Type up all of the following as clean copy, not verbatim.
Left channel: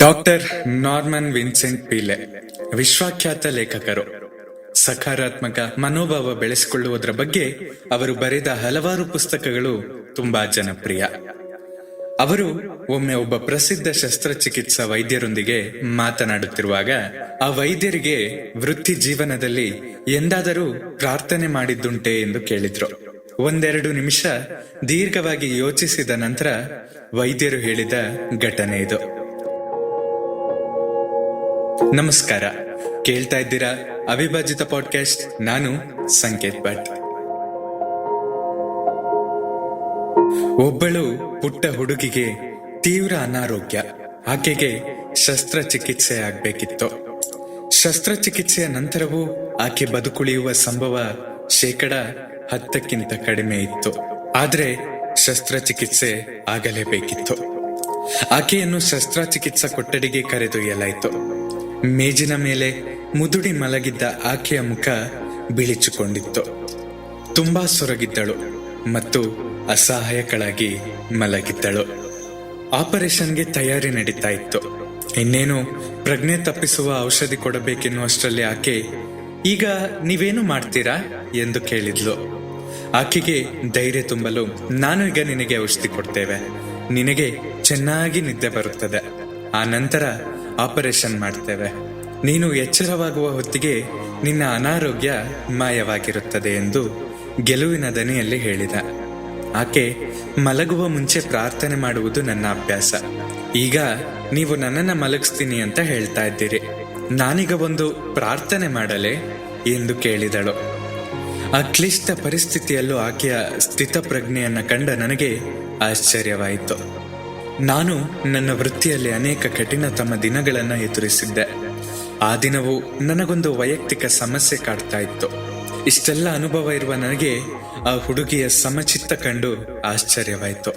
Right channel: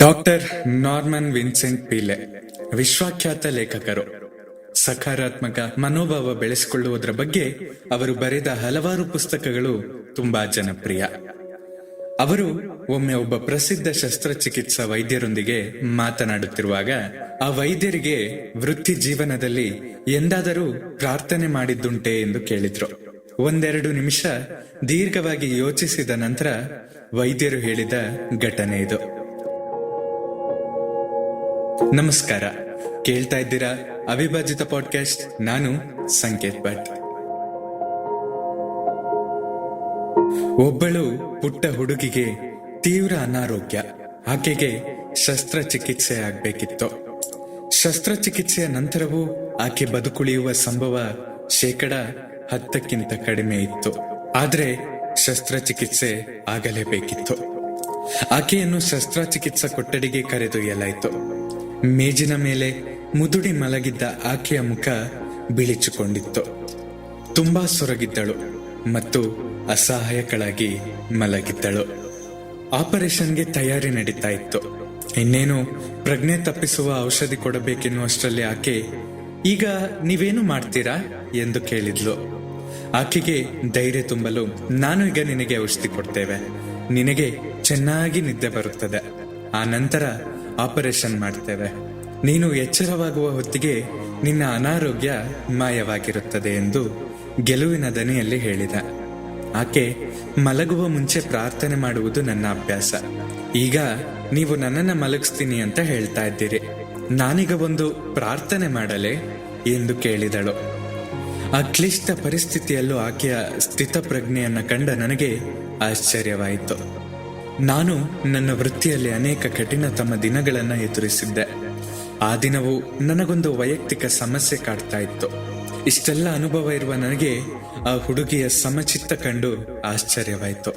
Doctor Norman Vincent Pele ವಿಶ್ವಖ್ಯಾತ ಲೇಖಕರು. ಸಕಾರಾತ್ಮಕ ಮನೋಭಾವ ಬೆಳೆಸಿಕೊಳ್ಳುವುದರ ಬಗ್ಗೆ ಅವರು ಬರೆದ ಹಲವಾರು ಪುಸ್ತಕಗಳು ತುಂಬಾ ಜನಪ್ರಿಯ. ಅವರು ಒಮ್ಮೆ ಒಬ್ಬ ಪ್ರಸಿದ್ಧ ಶಸ್ತ್ರಚಿಕಿತ್ಸಾ ವೈದ್ಯರೊಂದಿಗೆ ಮಾತನಾಡುತ್ತಿರುವಾಗ ಆ ವೈದ್ಯರಿಗೆ ವೃತ್ತಿ ಜೀವನದಲ್ಲಿ ಎಂದಾದರೂ ಪ್ರಾರ್ಥನೆ ಮಾಡಿದ್ದುಂಟೆ ಎಂದು ಕೇಳಿದ್ರು. ಒಂದೆರಡು ನಿಮಿಷ ದೀರ್ಘವಾಗಿ ಯೋಚಿಸಿದ ನಂತರ ವೈದ್ಯರು ಹೇಳಿದ ಘಟನೆ ಇದು. ನಮಸ್ಕಾರ, ಕೇಳ್ತಾ ಇದ್ದೀರಾ ಅವಿಭಾಜಿತ ಪಾಡ್ಕಾಸ್ಟ್. ನಾನು ಸಂಕೇತ್ ಭಟ್. ಒಬ್ಬಳು ಪುಟ್ಟ ಹುಡುಗಿಗೆ ತೀವ್ರ ಅನಾರೋಗ್ಯ. ಆಕೆಗೆ ಶಸ್ತ್ರಚಿಕಿತ್ಸೆ ಆಗ್ಬೇಕಿತ್ತು. ಶಸ್ತ್ರಚಿಕಿತ್ಸೆಯ ನಂತರವೂ ಆಕೆ ಬದುಕುಳಿಯುವ ಸಂಭವ 10% ಕಡಿಮೆ ಇತ್ತು. ಆದ್ರೆ ಶಸ್ತ್ರಚಿಕಿತ್ಸೆ ಆಗಲೇಬೇಕಿತ್ತು. ಆಕೆಯನ್ನು ಶಸ್ತ್ರಚಿಕಿತ್ಸಾ ಕೊಠಡಿಗೆ ಕರೆದೊಯ್ಯಲಾಯಿತು. ಮೇಜಿನ ಮೇಲೆ ಮುದುಡಿ ಮಲಗಿದ್ದ ಆಕೆಯ ಮುಖ ಬಿಳಿಚಿಕೊಂಡಿತ್ತು. ತುಂಬಾ ಸೊರಗಿದ್ದಳು ಮತ್ತು ಅಸಹಾಯಕಳಾಗಿ ಮಲಗಿದ್ದಳು. ಆಪರೇಷನ್ಗೆ ತಯಾರಿ ನಡೀತಾ ಇತ್ತು. ಇನ್ನೇನು ಪ್ರಜ್ಞೆ ತಪ್ಪಿಸುವ ಔಷಧಿ ಕೊಡಬೇಕೆನ್ನುವಷ್ಟರಲ್ಲಿ ಆಕೆ, ಈಗ ನೀವೇನು ಮಾಡ್ತೀರಾ ಎಂದು ಕೇಳಿದ್ಲು. ಆಕೆಗೆ ಧೈರ್ಯ ತುಂಬಲು, ನಾನು ಈಗ ನಿನಗೆ ಔಷಧಿ ಕೊಡ್ತೇವೆ, ನಿನಗೆ ಚೆನ್ನಾಗಿ ನಿದ್ದೆ ಬರುತ್ತದೆ, ಆ ನಂತರ ಆಪರೇಷನ್ ಮಾಡ್ತೇವೆ, ನೀನು ಎಚ್ಚರವಾಗುವ ಹೊತ್ತಿಗೆ ನಿನ್ನ ಅನಾರೋಗ್ಯ ಮಾಯವಾಗಿರುತ್ತದೆ ಎಂದು ಗೆಲುವಿನ ದನಿಯಲ್ಲಿ ಹೇಳಿದ. ಆಕೆ, ಮಲಗುವ ಮುಂಚೆ ಪ್ರಾರ್ಥನೆ ಮಾಡುವುದು ನನ್ನ ಅಭ್ಯಾಸ. ಈಗ ನೀವು ನನ್ನನ್ನ ಮಲಗಿಸ್ತೀನಿ ಅಂತ ಹೇಳ್ತಾ ಇದ್ದೀರಿ, ನಾನೀಗ ಒಂದು ಪ್ರಾರ್ಥನೆ ಮಾಡಲೇ ಎಂದು ಕೇಳಿದಳು. ಆ ಕ್ಲಿಷ್ಟ ಪರಿಸ್ಥಿತಿಯಲ್ಲೂ ಆಕೆಯ ಸ್ಥಿತಪ್ರಜ್ಞೆಯನ್ನ ಕಂಡ ನನಗೆ ಆಶ್ಚರ್ಯವಾಯಿತು. ನಾನು ನನ್ನ ವೃತ್ತಿಯಲ್ಲಿ ಅನೇಕ ಕಠಿಣತಮ ದಿನಗಳನ್ನು ಎದುರಿಸಿದ್ದೆ. ಆ ದಿನವೂ ನನಗೊಂದು ವೈಯಕ್ತಿಕ ಸಮಸ್ಯೆ ಕಾಡ್ತಾ ಇತ್ತು. ಇಷ್ಟೆಲ್ಲ ಅನುಭವ ಇರುವ ನನಗೆ ಆ ಹುಡುಗಿಯ ಸಮಚಿತ್ತ ಕಂಡು ಆಶ್ಚರ್ಯವಾಯಿತು.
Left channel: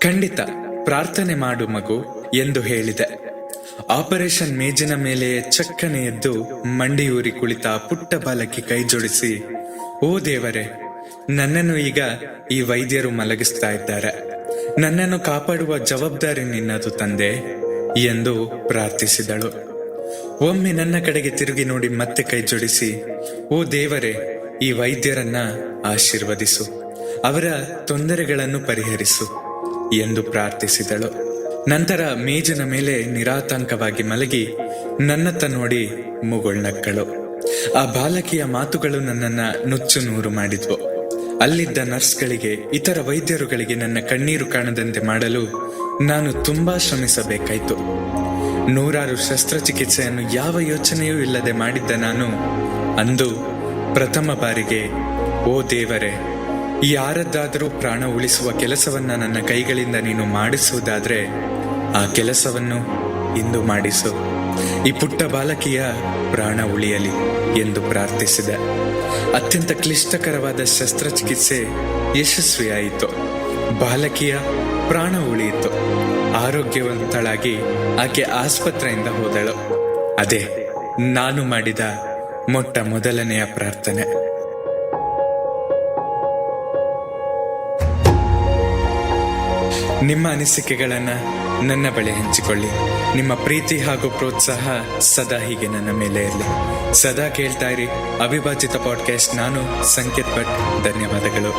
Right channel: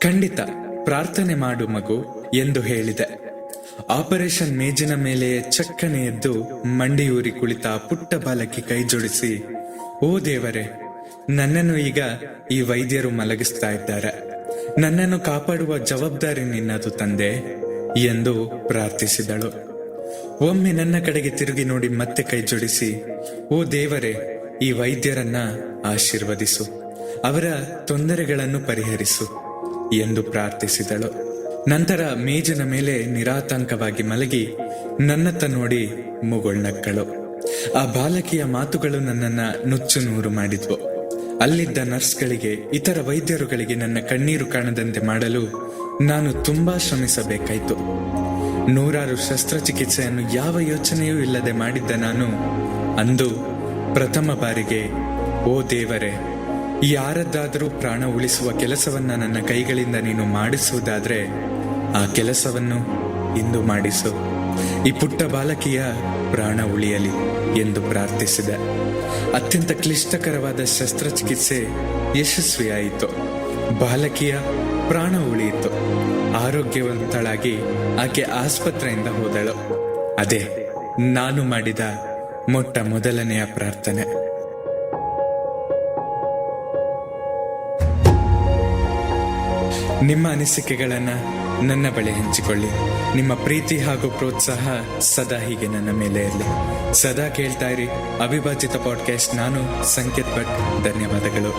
ಖಂಡಿತ ಪ್ರಾರ್ಥನೆ ಮಾಡು ಮಗು ಎಂದು ಹೇಳಿದೆ. ಆಪರೇಷನ್ ಮೇಜಿನ ಮೇಲೆ ಚಕ್ಕನೆ ಎದ್ದು ಮಂಡಿಯೂರಿ ಕುಳಿತ ಪುಟ್ಟ ಬಾಲಕಿ ಕೈ ಜೋಡಿಸಿ, ಓ ದೇವರೇ, ನನ್ನನ್ನು ಈಗ ಈ ವೈದ್ಯರು ಮಲಗಿಸ್ತಾ ಇದ್ದಾರೆ, ನನ್ನನ್ನು ಕಾಪಾಡುವ ಜವಾಬ್ದಾರಿ ನಿನ್ನದು ತಂದೆ ಎಂದು ಪ್ರಾರ್ಥಿಸಿದಳು. ಒಮ್ಮೆ ನನ್ನ ಕಡೆಗೆ ತಿರುಗಿ ನೋಡಿ ಮತ್ತೆ ಕೈ ಜೋಡಿಸಿ, ಓ ದೇವರೇ, ಈ ವೈದ್ಯರನ್ನ ಆಶೀರ್ವದಿಸು, ಅವರ ತೊಂದರೆಗಳನ್ನು ಪರಿಹರಿಸು ಎಂದು ಪ್ರಾರ್ಥಿಸಿದಳು. ನಂತರ ಮೇಜಿನ ಮೇಲೆ ನಿರಾತಂಕವಾಗಿ ಮಲಗಿ ನನ್ನತ್ತ ನೋಡಿ ಮುಗುಳ್ನಕ್ಕಳು. ಆ ಬಾಲಕಿಯ ಮಾತುಗಳು ನನ್ನನ್ನ ನುಚ್ಚು ನೂರು ಮಾಡಿದ್ವು. ಅಲ್ಲಿದ್ದ ನರ್ಸ್ಗಳಿಗೆ, ಇತರ ವೈದ್ಯರುಗಳಿಗೆ ನನ್ನ ಕಣ್ಣೀರು ಕಾಣದಂತೆ ಮಾಡಲು ನಾನು ತುಂಬಾ ಶ್ರಮಿಸಬೇಕಾಯಿತು. ನೂರಾರು ಶಸ್ತ್ರಚಿಕಿತ್ಸೆಯನ್ನು ಯಾವ ಯೋಚನೆಯೂ ಇಲ್ಲದೆ ಮಾಡಿದ್ದ ನಾನು ಅಂದು ಪ್ರಥಮ ಬಾರಿಗೆ, ಓ ದೇವರೇ, ಯಾರದ್ದಾದರೂ ಪ್ರಾಣ ಉಳಿಸುವ ಕೆಲಸವನ್ನ ನನ್ನ ಕೈಗಳಿಂದ ನೀನು ಮಾಡಿಸುವುದಾದ್ರೆ ಆ ಕೆಲಸವನ್ನು ಇಂದು ಮಾಡಿಸು, ಈ ಪುಟ್ಟ ಬಾಲಕಿಯ ಪ್ರಾಣ ಉಳಿಯಲಿ ಎಂದು ಪ್ರಾರ್ಥಿಸಿದೆ. ಅತ್ಯಂತ ಕ್ಲಿಷ್ಟಕರವಾದ ಶಸ್ತ್ರಚಿಕಿತ್ಸೆ ಯಶಸ್ವಿಯಾಯಿತು. ಬಾಲಕಿಯ ಪ್ರಾಣ ಉಳಿಯಿತು. ಆರೋಗ್ಯವಂತಳಾಗಿ ಆಕೆ ಆಸ್ಪತ್ರೆಯಿಂದ ಹೋದಳು. ಅದೇ ನಾನು ಮಾಡಿದ ಮೊಟ್ಟ ಮೊದಲನೆಯ ಪ್ರಾರ್ಥನೆ. ನಿಮ್ಮ ಅನಿಸಿಕೆಗಳನ್ನ ನನ್ನ ಬಳಿ ಹಂಚಿಕೊಳ್ಳಿ. ನಿಮ್ಮ ಪ್ರೀತಿ ಹಾಗೂ ಪ್ರೋತ್ಸಾಹ ಸದಾ ಹೀಗೆ ನನ್ನ ಮೇಲೆ ಇರಲಿ. ಸದಾ ಕೇಳ್ತಾ ಇರಿ ಅವಿಭಾಜಿತ ಪಾಡ್ಕಾಸ್ಟ್. ನಾನು ಸಂಕೇತ್ ಭಟ್. ಧನ್ಯವಾದಗಳು.